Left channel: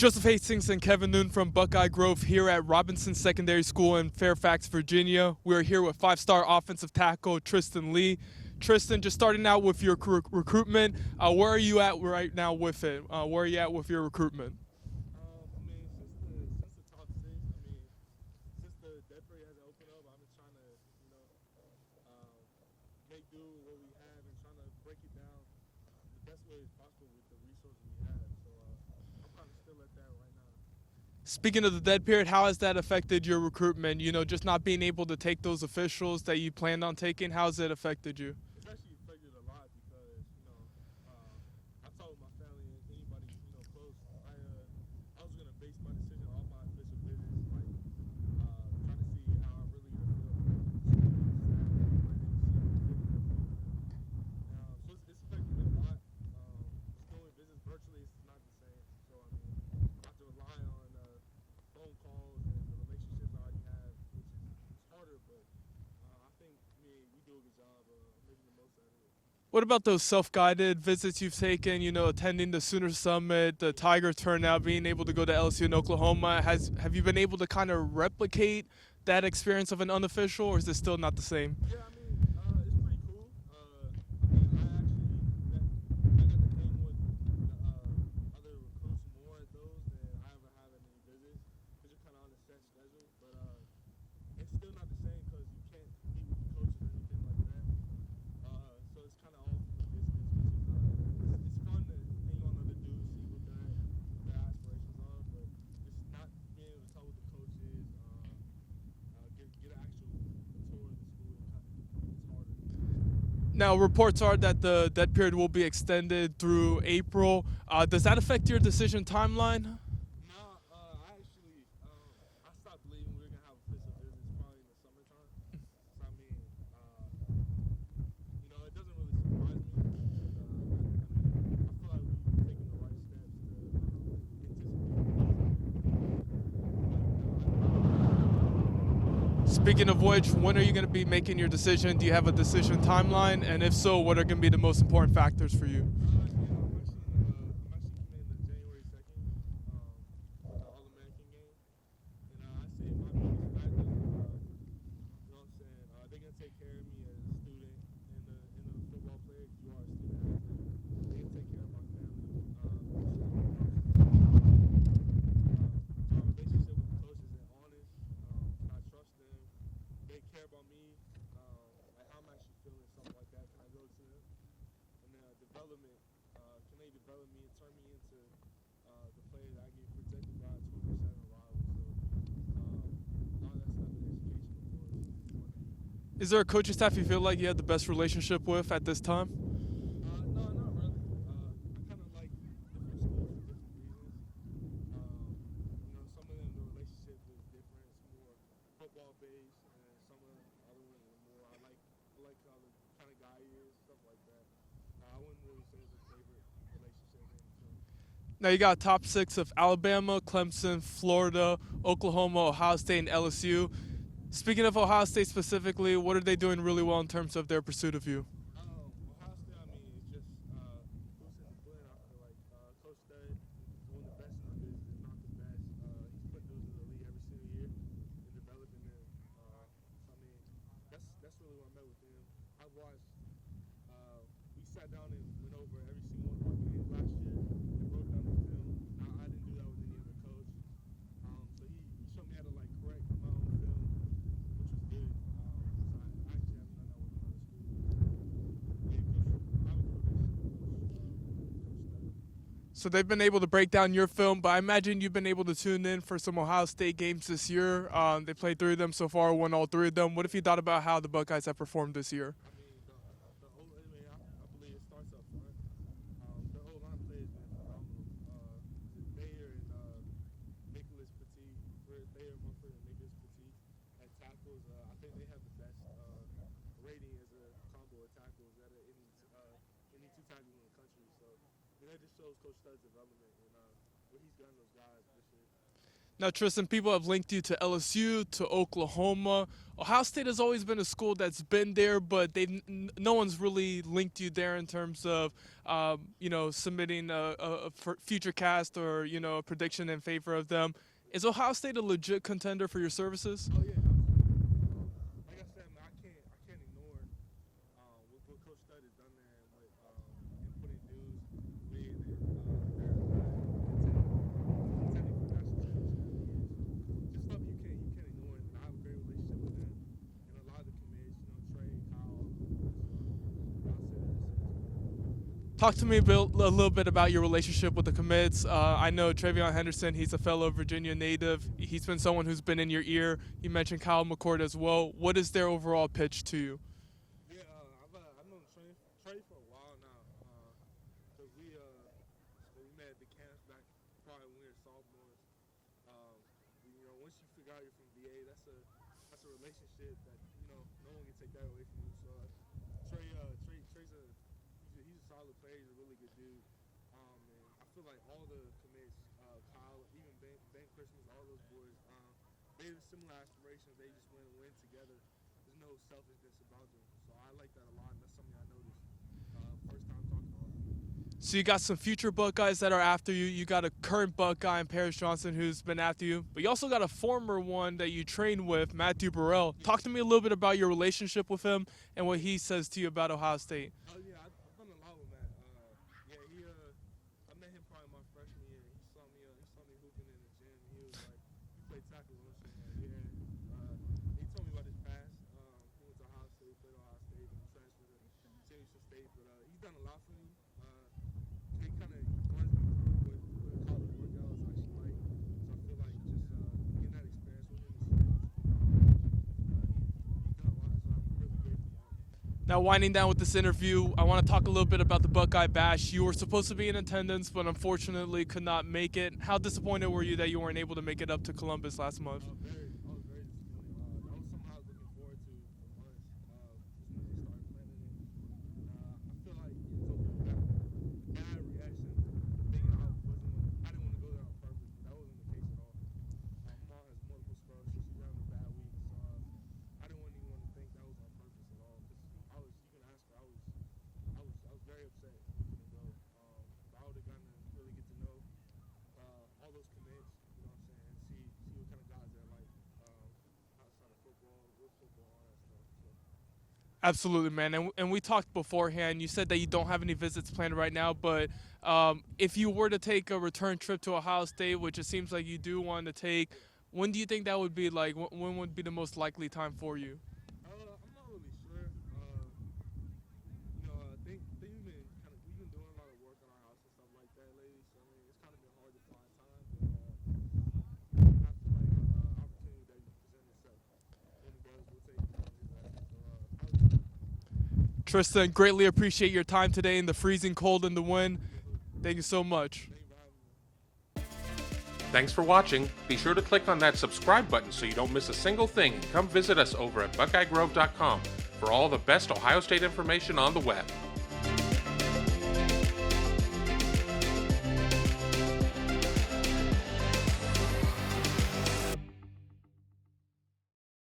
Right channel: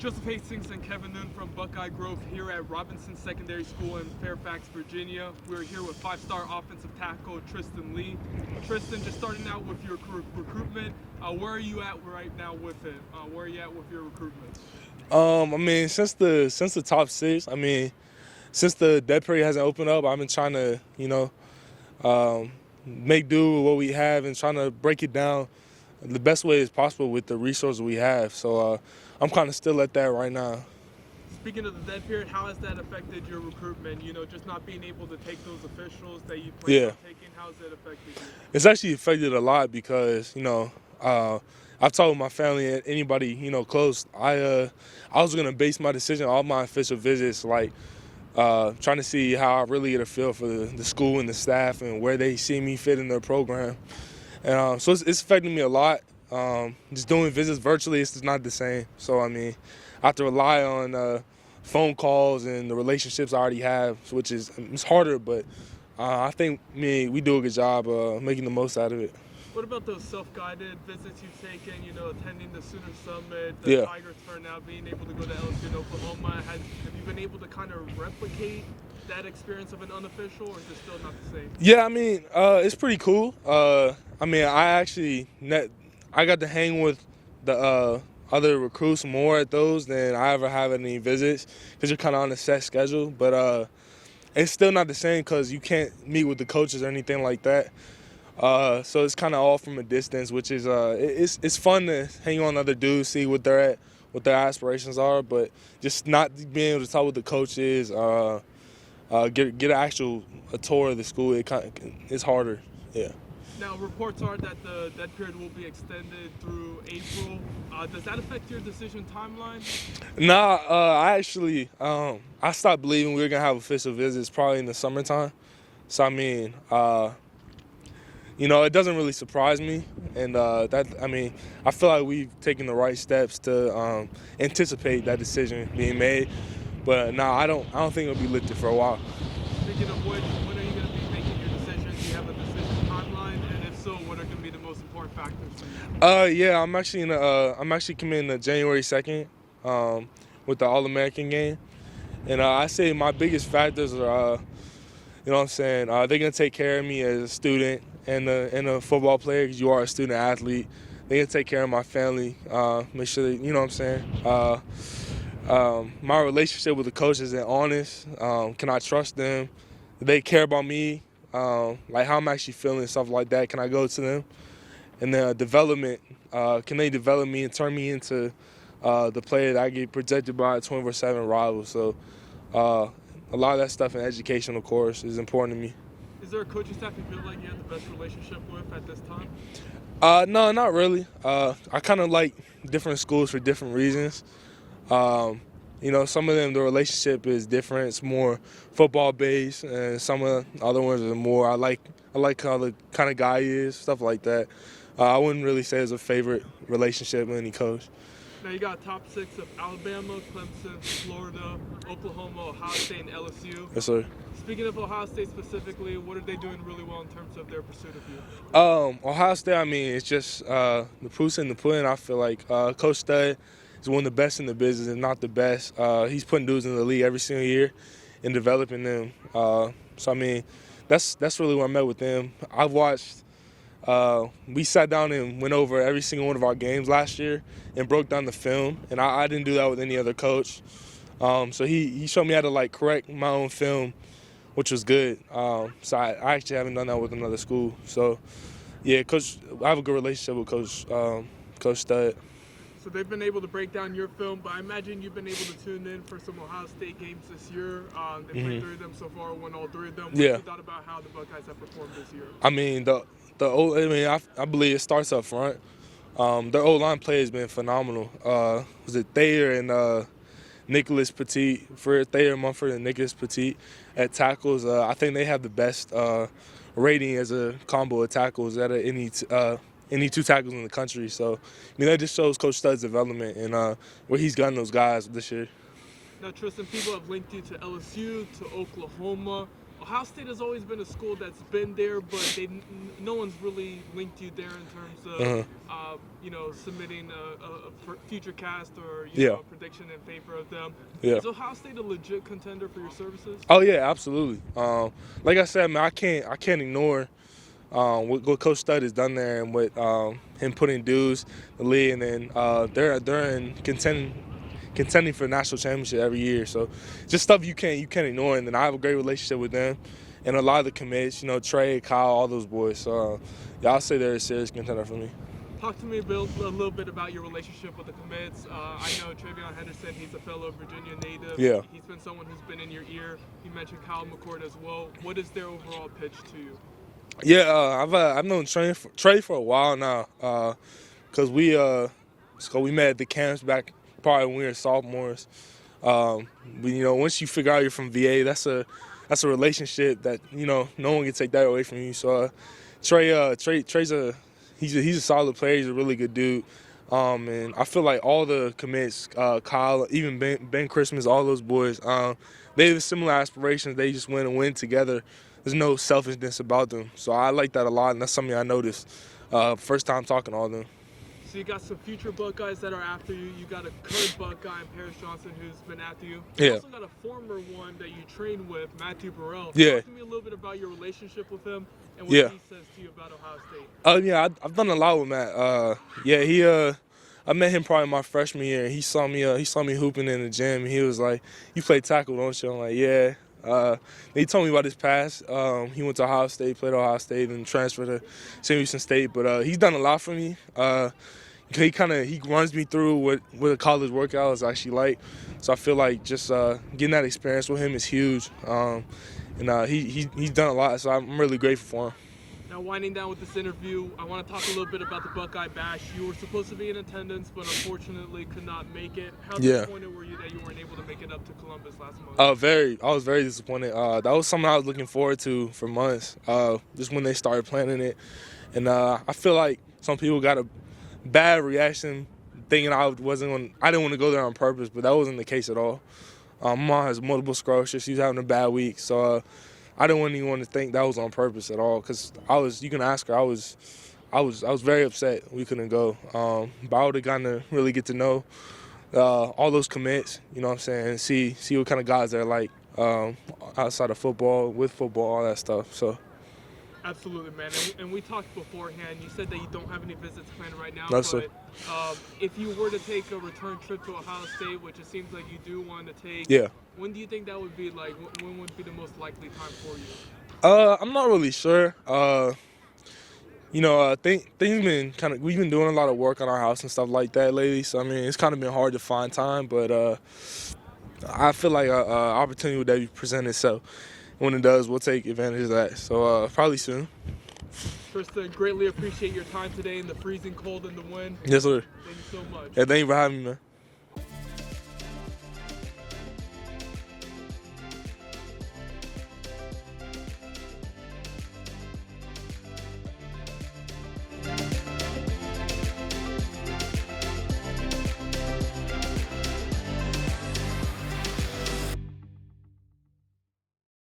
Joseph Hastings and Kevin Noon from Buckeye Grove here at Robinson Secondary School in Fairfax, Virginia. We're here with five-star offensive tackle Tristan Leigh. Tristan, just starting out with your recruitment, where are you at right now with it? Where are you at with your recruitment? Since the top six, since the dead period hasn't opened up, I've been trying to, make do with what we have and trying to break it down the best way as possible with the resources we have. So I'm kind of still at that right now. Speaking of the dead period, how has that affected your recruitment? Just not being able to take those officials that you planned on taking, how's it affected you? It's actually affected a lot because, I've talked with my family and anybody, close. I was gonna base my decision on my official visits, trying to see how I really get a feel for the school and the staff and where they see me fit in their program. And so it's affecting me a lot. Just doing visits virtually, it's just not the same. So, I have to rely on phone calls and the relationships I already have, which it's harder, but I think we do a good job making the most out of it. What about those self-guided visits you've taken, attending the Sooner Summit, the Tiger Turnout, being able to go to LSU and Oklahoma? Have you been able to kind of replicate that experience of an unofficial, or is it still not the same? Yeah, it's pretty cool. I got to hang with the other recruits more at those than I ever have at any visits because you're kind of on a set schedule. But it's still not the same because you can't meet with the coaches or anything like that. So it's kind of all from a distance, which is it's fun to hang on other dudes, see what they're at, what their aspirations are, but just not being able to talk with the coaches, get a tour of the school. It's harder. Yeah. Now, reports are that the dead period will be extended through April. Does that affect your decision timeline? Nah, I stopped believing we were gonna have official visits probably in the summertime. So it doesn't really surprise me, and I feel like we've taken the right steps to anticipate that decision being made. But no, I don't think it'll be lifted for a while. Speaking of which, when are you going to be making your decision? Do you have a decision timeline? And if so, what are going to be the most important factors for you? I'm actually committing January 2nd with the All-American game, and I say my biggest factors are, they're gonna take care of me as a student and a football player because you are a student athlete. They're gonna take care of my family, make sure that, my relationship with the coaches is honest. Can I trust them? Do they care about me? Like how I'm actually feeling, stuff like that. Can I go to them? And then development. Can they develop me and turn me into the player that I get projected by a 24/7 rival? So a lot of that stuff in education, of course, is important to me. Is there a coaching staff you feel like you have the best relationship with at this time? No, not really. I kind of like different schools for different reasons. Some of them, the relationship is different. It's more football based, and some of the other ones are more. I like how the kind of guy he is, stuff like that. I wouldn't really say it's a favorite relationship with any coach. Now you got top six of Alabama, Clemson, Florida, Oklahoma, Ohio State, and LSU. Yes, sir. Speaking of Ohio State specifically, what are they doing really well in terms of their pursuit of you? Ohio State, it's just the proof's in the pudding. I feel like Coach Stud is one of the best in the business, if not the best. He's putting dudes in the league every single year and developing them. That's really where I'm at with them. I've watched. We sat down and went over every single one of our games last year and broke down the film, and I didn't do that with any other coach. So he showed me how to correct my own film, which was good. So I actually haven't done that with another school. So yeah, I have a good relationship with Coach Stud. So they've been able to break down your film, but I imagine you've been able to tune in for some Ohio State games this year. They played 3 of them so far, won all 3 of them. What have you thought about how the Buckeyes have performed this year? I believe it starts up front. Their O-line play has been phenomenal. Was it Thayer and Nicholas Petit, Thayer Mumford and Nicholas Petit at tackles? I think they have the best rating as a combo of tackles out of any 2 tackles in the country. So, that just shows Coach Stud's development and where he's gotten those guys this year. Now, Tristan, people have linked you to LSU, to Oklahoma. Ohio State has always been a school that's been there, but no one's really linked you there in terms of, submitting a future cast or, a prediction in favor of them. Yeah. Is Ohio State a legit contender for your services? Oh yeah, absolutely. Like I said, man, I can't ignore what Coach Stud has done there and what him putting dudes, the league, and then they're in contending for the national championship every year. So just stuff you can't ignore. And then I have a great relationship with them and a lot of the commits, Trey, Kyle, all those boys. So I'll say they're a serious contender for me. Talk to me a little bit about your relationship with the commits. I know Travion Henderson, he's a fellow Virginia native. Yeah. He's been someone who's been in your ear. You mentioned Kyle McCord as well. What is their overall pitch to you? Yeah, I've known Trey for a while now, because we met at the camps back probably when we were sophomores. Once you figure out you're from VA, that's a relationship that no one can take that away from you. So Trey's he's a solid player. He's a really good dude. And I feel like all the commits, Kyle, even Ben Christmas, all those boys, they have similar aspirations. They just want to win together. There's no selfishness about them. So I like that a lot, and that's something I noticed first time talking to all of them. So you got some future Buckeyes that are after you. You got a current Buckeye, Paris Johnson, who's been after you. You also got a former one that you trained with, Matthew Burrell. Yeah. Talk to me a little bit about your relationship with him and what he says to you about Ohio State. I've done a lot with Matt. I met him probably my freshman year. He saw me hooping in the gym, and he was like, "You play tackle, don't you?" I'm like, "Yeah." He told me about his past. He went to Ohio State, played Ohio State, and transferred to St. Houston State. But he's done a lot for me. He runs me through what a college workout is actually like. So I feel like just getting that experience with him is huge. He's done a lot. So I'm really grateful for him. Now, winding down with this interview, I want to talk a little bit about the Buckeye Bash. You were supposed to be in attendance, but unfortunately could not make it. How disappointed were you that you weren't able to make it up to Columbus last month? I was very disappointed. That was something I was looking forward to for months, just when they started planning it. And I feel like some people got a bad reaction thinking I didn't want to go there on purpose, but that wasn't the case at all. My mom has multiple sclerosis. She was having a bad week, so I didn't want anyone to think that was on purpose at all, because you can ask her, I was very upset we couldn't go. But I would have gotten to really get to know all those commits, you know what I'm saying, and see what kind of guys they're like outside of football, with football, all that stuff. So. Absolutely, man. And we talked beforehand. You said that you don't have any visits planned right now, no, but if you were to take a return trip to Ohio State, which it seems like you do want to take, when do you think that would be like? When would be the most likely time for you? I'm not really sure. Things been we've been doing a lot of work on our house and stuff like that lately. So I mean, it's kind of been hard to find time, but I feel like an opportunity would present itself. When it does, we'll take advantage of that. So probably soon. Tristan, greatly appreciate your time today in the freezing cold and the wind. Yes, sir. Thank you so much. Yeah, thank you for having me, man. Thanks for watching. Be sure to click on that subscribe button so you don't miss a single thing. And come visit us over at BuckeyeGrove.com for all the best Ohio State information on the web.